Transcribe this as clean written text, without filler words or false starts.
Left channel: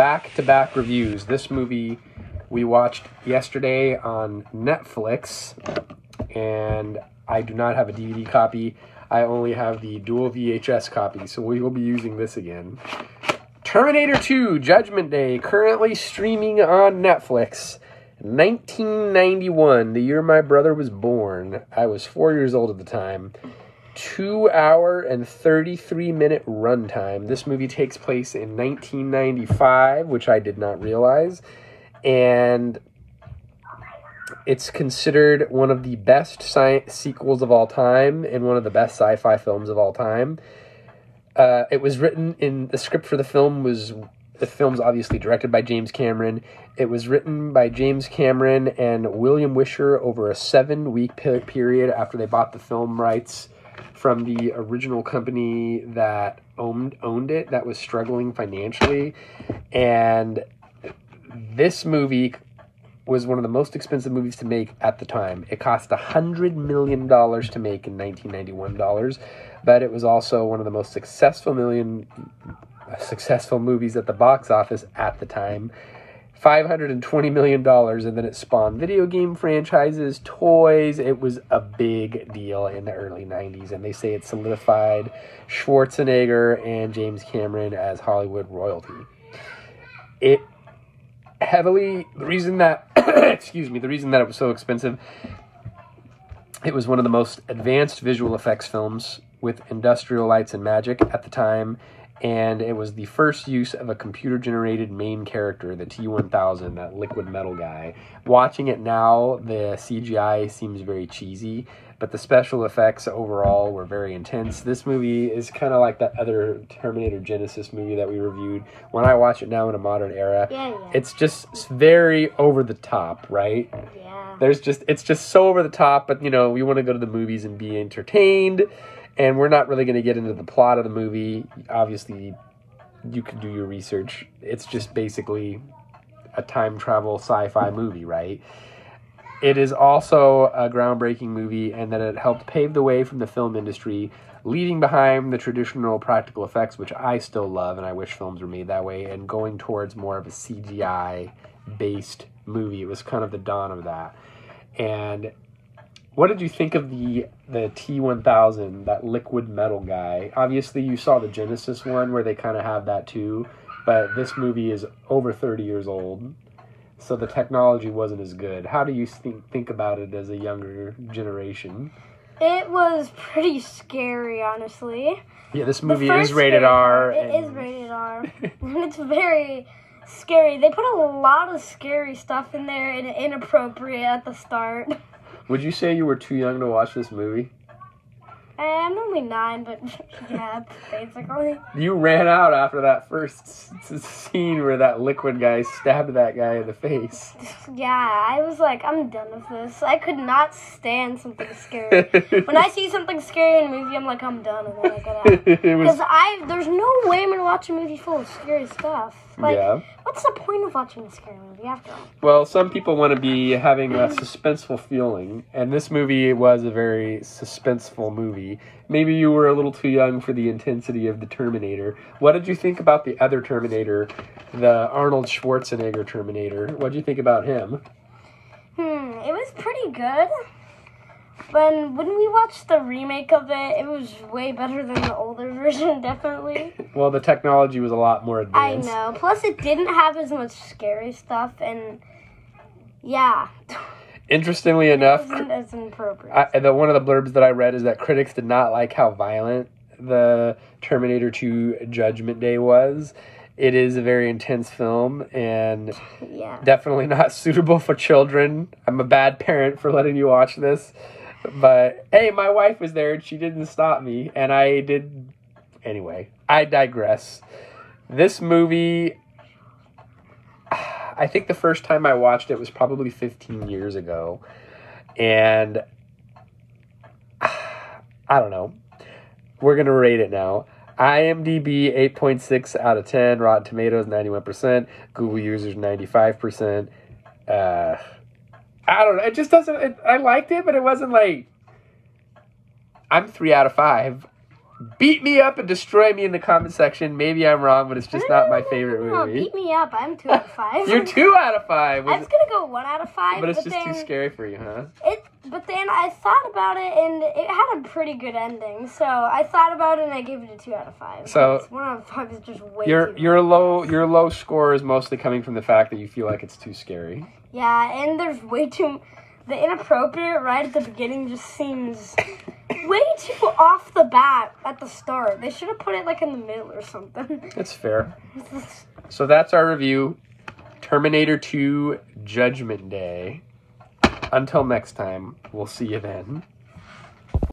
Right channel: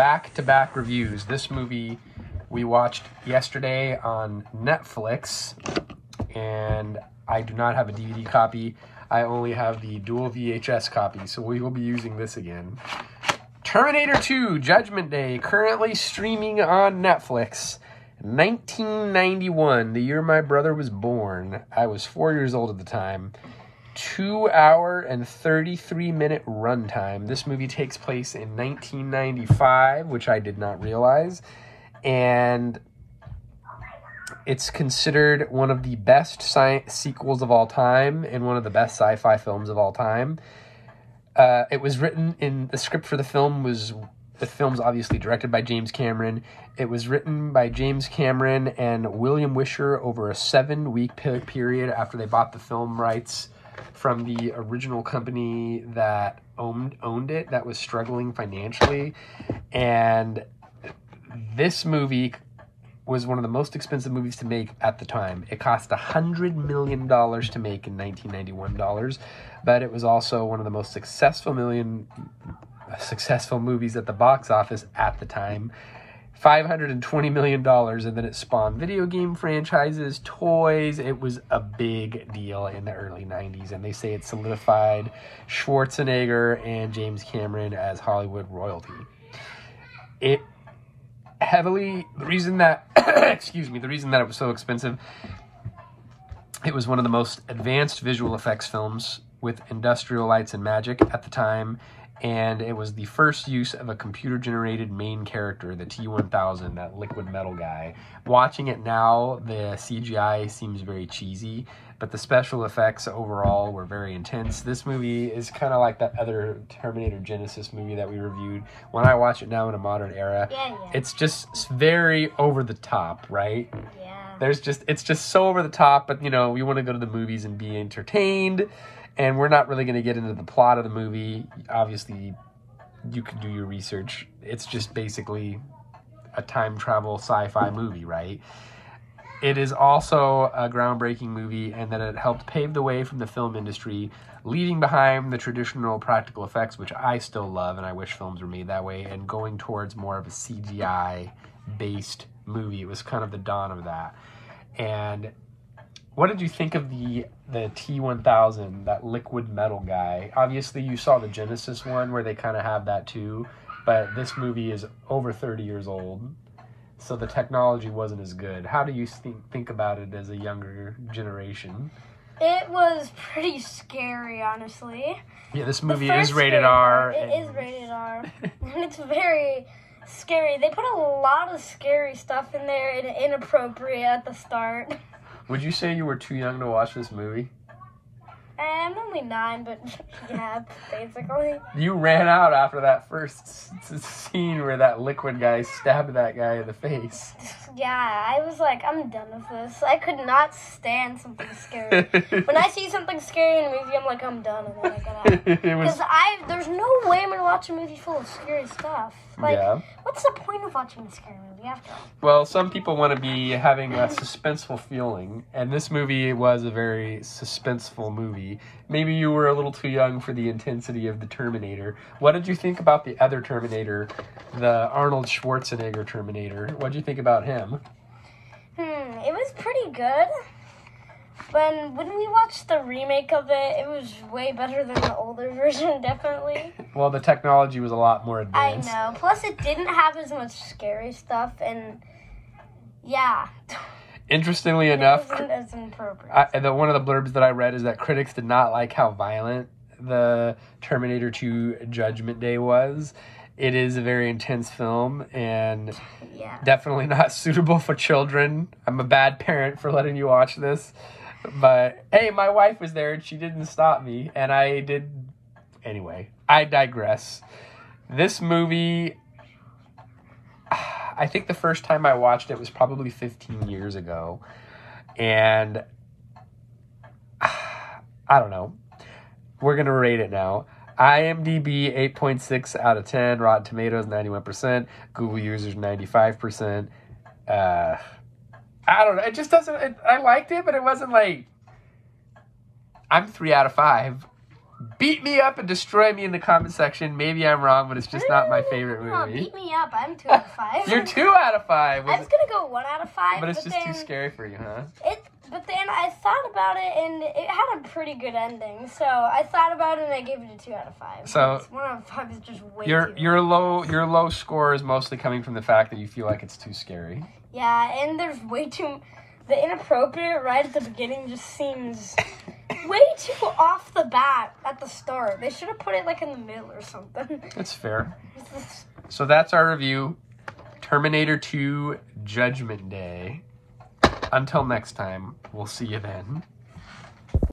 back-to-back reviews. This movie we watched yesterday on Netflix, and I do not have a DVD copy. I only have the dual VHS copy, so we will be using this again. Terminator 2, Judgment Day, currently streaming on Netflix. 1991, the year my brother was born. I was 4 years old at the time. 2 hour and 33-minute runtime. This movie takes place in 1995, which I did not realize. And it's considered one of the best sequels of all time and one of the best sci-fi films of all time. It was written in the script for the film's obviously directed by James Cameron. It was written by James Cameron and William Wisher over a 7-week period after they bought the film rights from the original company that owned it, that was struggling financially. And this movie was one of the most expensive movies to make at the time. It cost $100 million to make in 1991 dollars, but it was also one of the most successful movies at the box office at the time. $520 million, and then it spawned video game franchises, toys. It was a big deal in the early 90s, and they say it solidified Schwarzenegger and James Cameron as Hollywood royalty. The reason that it was so expensive, it was one of the most advanced visual effects films with industrial lights and magic at the time. And it was the first use of a computer-generated main character, the T-1000, that liquid metal guy. Watching it now, the CGI seems very cheesy, but the special effects overall were very intense. This movie is kind of like that other Terminator Genesis movie that we reviewed. When I watch it now in a modern era, it's just very over the top, right? Yeah. It's just so over the top, but, you know, we want to go to the movies and be entertained. And we're not really going to get into the plot of the movie. Obviously, you can do your research. It's just basically a time travel sci-fi movie, right? It is also a groundbreaking movie, and that it helped pave the way from the film industry, leaving behind the traditional practical effects, which I still love, and I wish films were made that way, and going towards more of a CGI-based movie. It was kind of the dawn of that. And what did you think of the T-1000, that liquid metal guy? Obviously, you saw the Genesis one where they kind of have that too, but this movie is over 30 years old, so the technology wasn't as good. How do you think about it as a younger generation? It was pretty scary, honestly. Yeah, this movie is rated R. It is rated R. It's very scary. They put a lot of scary stuff in there and inappropriate at the start. Would you say you were too young to watch this movie? I'm only 9, but yeah, basically. You ran out after that first scene where that liquid guy stabbed that guy in the face. Yeah, I was like, I'm done with this. I could not stand something scary. When I see something scary in a movie, I'm like, I'm done, and then I get out. Because there's no way I'm going to watch a movie full of scary stuff. Like, yeah. What's the point of watching a scary movie after all? Well, some people want to be having a suspenseful feeling, and this movie was a very suspenseful movie. Maybe you were a little too young for the intensity of the Terminator. What did you think about the other Terminator, the Arnold Schwarzenegger Terminator? What did you think about him? It was pretty good. When we watched the remake of it, it was way better than the older version, definitely. Well, the technology was a lot more advanced. I know. Plus, it didn't have as much scary stuff, and yeah. Interestingly enough, it wasn't as inappropriate. One of the blurbs that I read is that critics did not like how violent the Terminator 2 Judgment Day was. It is a very intense film, and definitely not suitable for children. I'm a bad parent for letting you watch this. But, hey, my wife was there, and she didn't stop me, and I did. Anyway, I digress. This movie, I think the first time I watched it was probably 15 years ago, and I don't know. We're going to rate it now. IMDb, 8.6 out of 10. Rotten Tomatoes, 91%. Google users, 95%. I don't know. It just doesn't... I liked it, but it wasn't like... I'm 3 out of 5. Beat me up and destroy me in the comment section. Maybe I'm wrong, but it's just not my favorite movie. Beat me up. I'm 2 out of 5. You're 2 out of 5. I was going to go 1 out of 5. But it's just too scary for you, huh? But then I thought about it, and it had a pretty good ending. So I thought about it, and I gave it a 2 out of 5. So 1 out of 5 is just way your low score is mostly coming from the fact that you feel like it's too scary. Yeah, and there's way too... The inappropriate right at the beginning just seems way too off the bat at the start. They should have put it like in the middle or something. It's fair. So that's our review. Terminator 2 Judgment Day. Until next time, we'll see you then.